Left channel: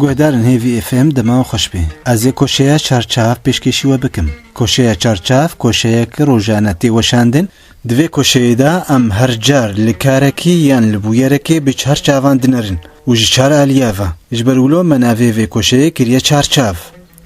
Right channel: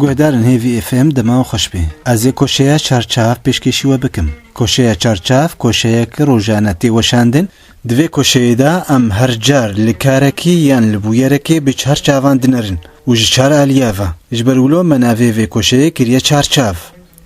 گوهدارن هیوی اف ام دما خوش بی از کوشیا چارچاف پیشکشی و بکم کوشیا چارچاف کوشیا که روزانه وشاندن دوی کوشیا دا ام هر جار لکارکی یان لبویرکی به چارچافان دنرن و جچار الیافا جبرولو مناوی و کوشیا کریه چارچاف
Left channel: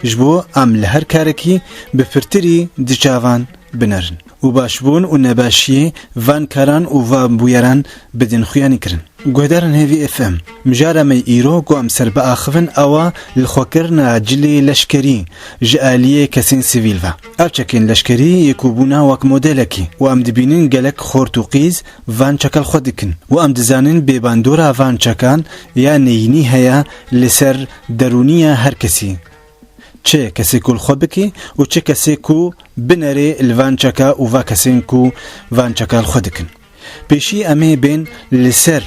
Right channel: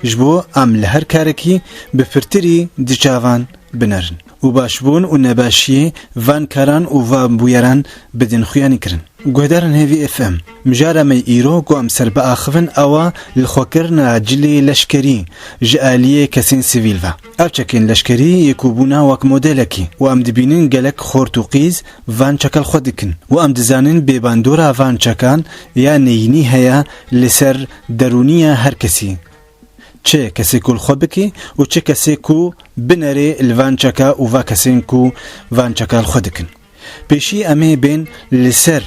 جبو ام لهر کارکی به فرتری دچافان بنرن و باشبون و نباشی وان کاران و وان بویران بدن خویانی کرن گوهدارن هیوی اف ام مجارة مي إيرو قوام سربا آخفن أوا لخوكرنا جلي لشكري جالية كسين سيفيلفا أبچكين لشكري يكوبونا واك موديلكي وام دبينين قلق خورتوقيز فان چكال خودكن وام دزانين بباندورا فان چكان يعني يني هيا لسر درونية هر كسي چه کسی کول خود بکی و چه کسی کو بنره الوان چکا و وا کسین کو وان چکا خود کن پیشی امی بین لسر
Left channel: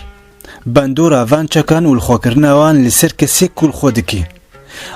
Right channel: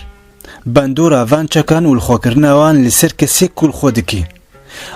باندورا وان چکان و الخوکرنا وان لسر کسی کول خود کی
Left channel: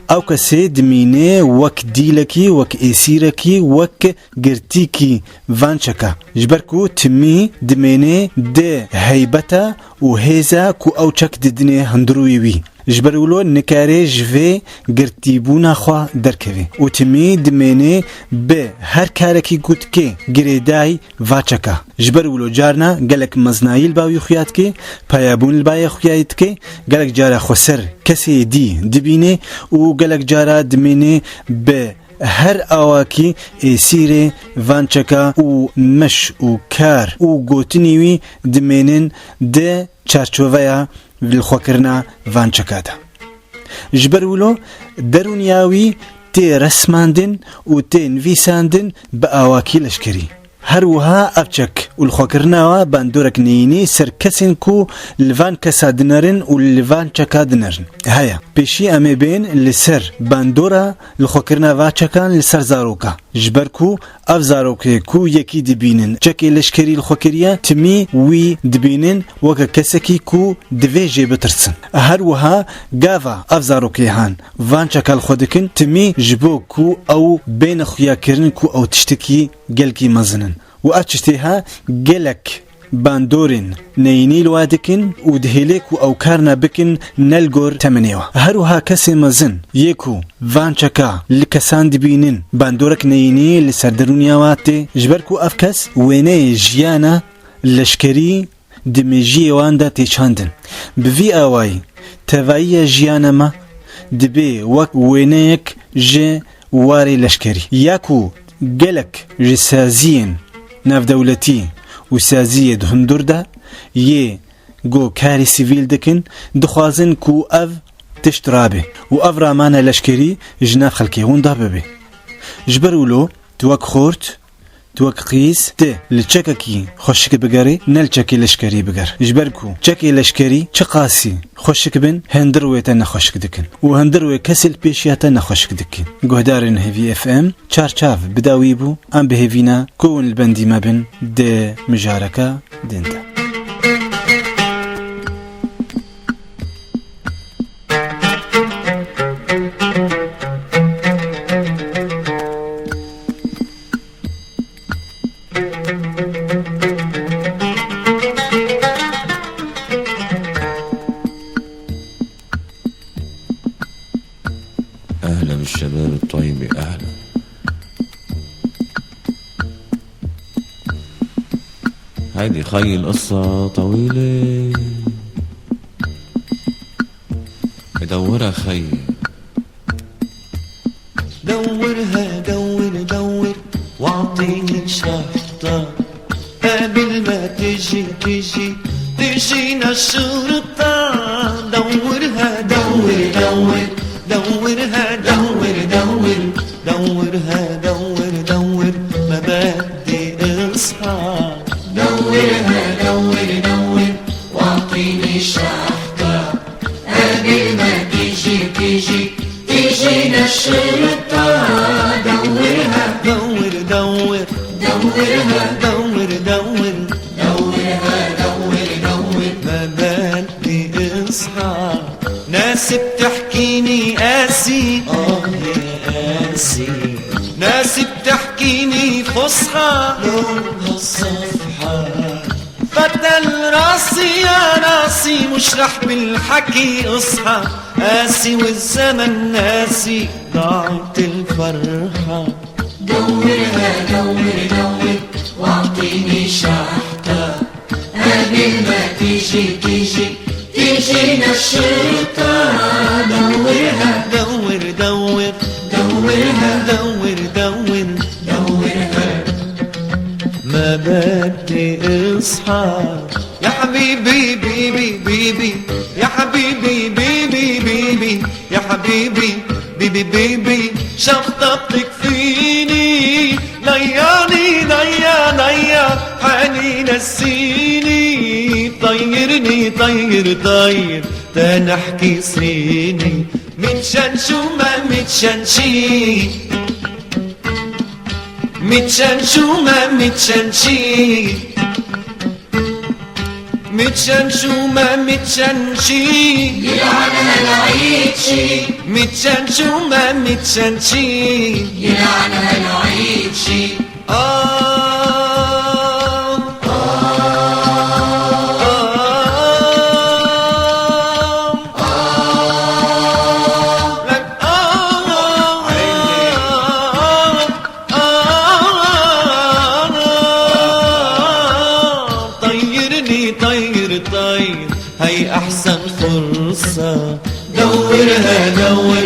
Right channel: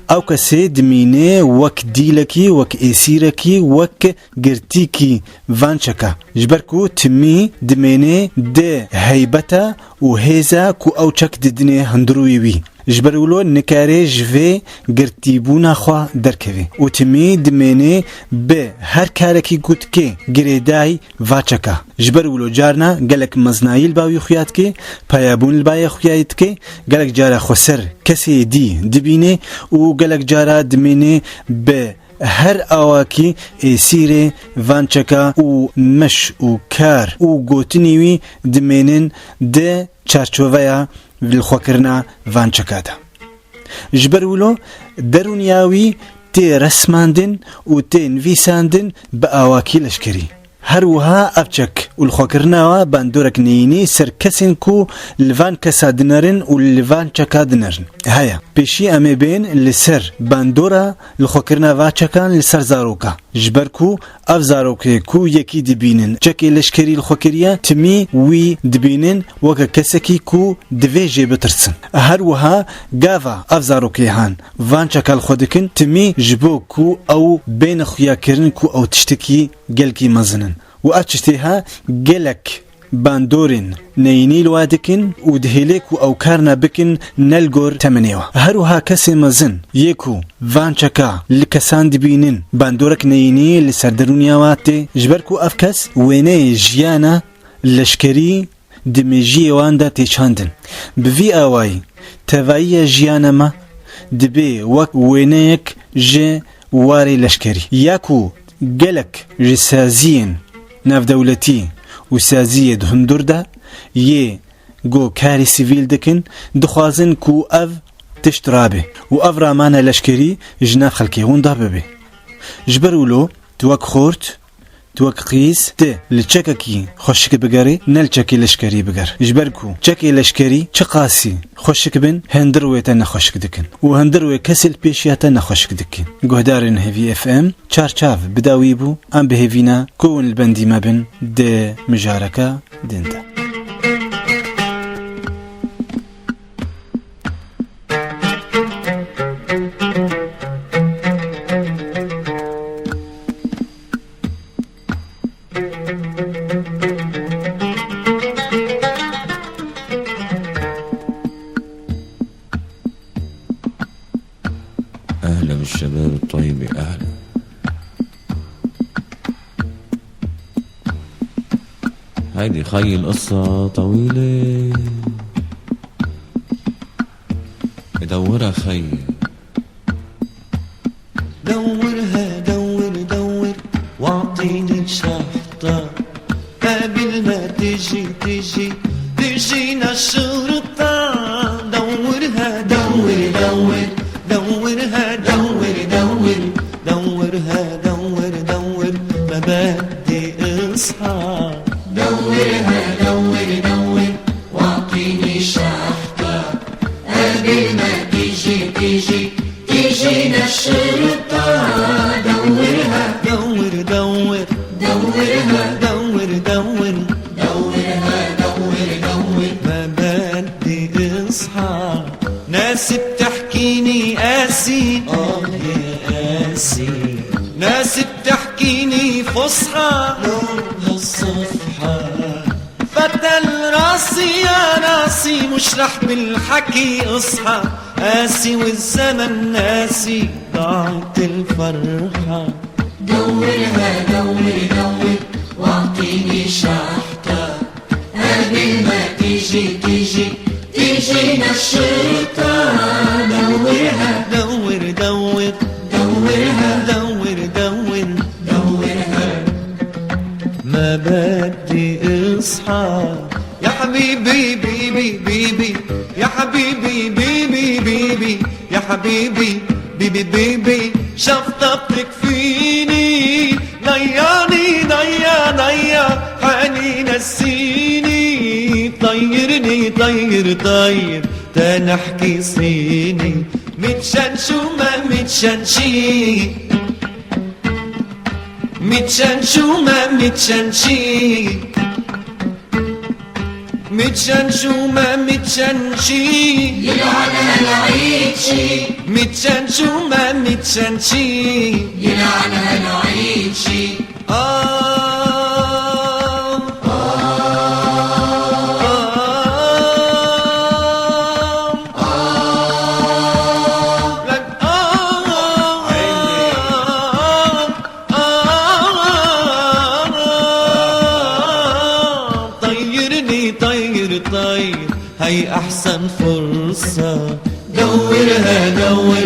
او کسی دمینه وک دیلکی وک ایسیرکی وک گرتیکی وان چکا جبرکو تمی دمینه ده هیبتا و هیزا کو او چک ددنه هندروی وی جبرولو نکاره جوه گرتیبونا خوا درکوی و تمی دمینه به هر کارکی گوت که گریدای واچکا جبرولو جارنا گلک مزنایل باوی خویات که پایابون البای خویات که گلک جارا خسر کسی دی دبینه و گلک جارا دمینه به هر آواکی ایسیر وانچکا و مش و کار و گوتنیوی دمینن ده چارچوویا بالخوكرنا فان چكادا جبرولو درونياوي تي رسماندن و تي نفيساندن بأواكي لشكري هروها أبچك والخوكرناوا باندورك نيني سركسن كو لفان كسادنرن و لفان چكادنرن هيا بيشي امي بين لسر باندورا الخوكرناوا چكان لسر زاروكا جبركو اف زاروكي كو يكي دبينن چكي لشكري الخوكريا تمي وي دبينن وكا كسكي كو دويجي بترسن هروها غافا اف زاروكي هان فان چكال خودكن تمي جبو كو او بين خويا كرن كو او تشتكي گلكي مزنن و اچتها گلك باندورين نيني لوادكن و دهيليك و او كارنا بكن نلغور تمنيوا هروها كسي مزن يكو فانچكا لكسان دبينن باندورك نيني لسردرونياواتي جبركو افكس ويني جيانا لشكري دمجي واندا تيچاندن بفي اواي توايا جيانا ما دبي وك وينيك جي واري لشكري ياكو گلك جسازين ناف دولتي و سازية هندور دا يه گو كاري سيفيل دكن دخوازن كو اف تشترابه و اف رامانا لشكري جناف خلقي هوندا ببه جبرولو توك خورت توك قيس ته لچككي خوشك بگاري نل چكي لشكري بگار جبركو چكي لشكري چقاسي خوشك بن هندرويتا نخوشك دكن و هندروي كسل بيشياتا نخوشك دكن گهدارن هيفي اف ام چارچاف بداويبو ام بهيفينا كون البندي ما بن ده مجاركا دينتا أهلا بالشباب الطيب أهلا هيدي خي القصة طويلة بدورها خي دورها دور دور واعطيني شحطة قبل ما تجينا الشرطة دورها دور دور دورها دور دور دورها دور دور ما بدي اصحى دورها دور دور واعطيني شحطة قبل ما تجينا الشرطة دورها دور دور دورها دور دور دورها دور دور ما بدي اصحى ناس بتحكيني قاسي يا قاسي ناس بتحكيني فصحى لو هالصفحة فتل راسي يا راسي مش رح بالحكي اصحى قاسي والزمن ناسي ضاعت الفرحة. دورها دور دور واعطيني شحطة قبل ما تيجينا الشرطة. دورها دور دور دورها دورها ما بدي اصحى يا حبيبي بيبي بيبي يا حبيبي بيبي بيبي يا حبيبي بيبي بيبي شفطتك فيني نياني نيا حني نسيني طيرني طير تنحكي صيني متشنشو ما متشنشي متشنشو ما متشنشي متشنشو ما متشنشي يلعنها العيد شي متشنشو ما متشنشي يلعنها العيد شي. طير هي أحسن فرصة. دورها دور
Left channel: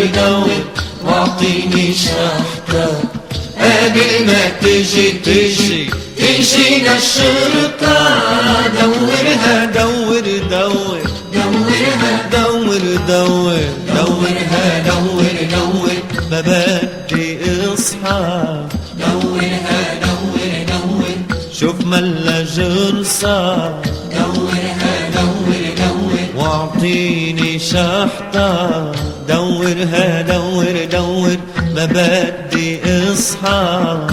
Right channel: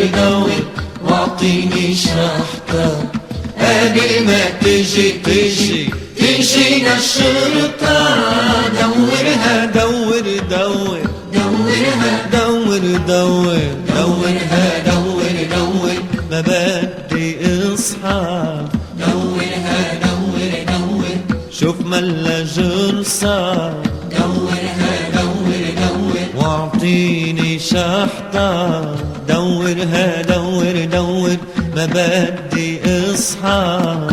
واعطيني شحطة قبل ما تيجينا الشرطة. دورها دورها دور ما بدي اصحى. دورها دور شوف ملا جرصة. دورها واعطيني شحطة. دورها دور ما بدي اصحى.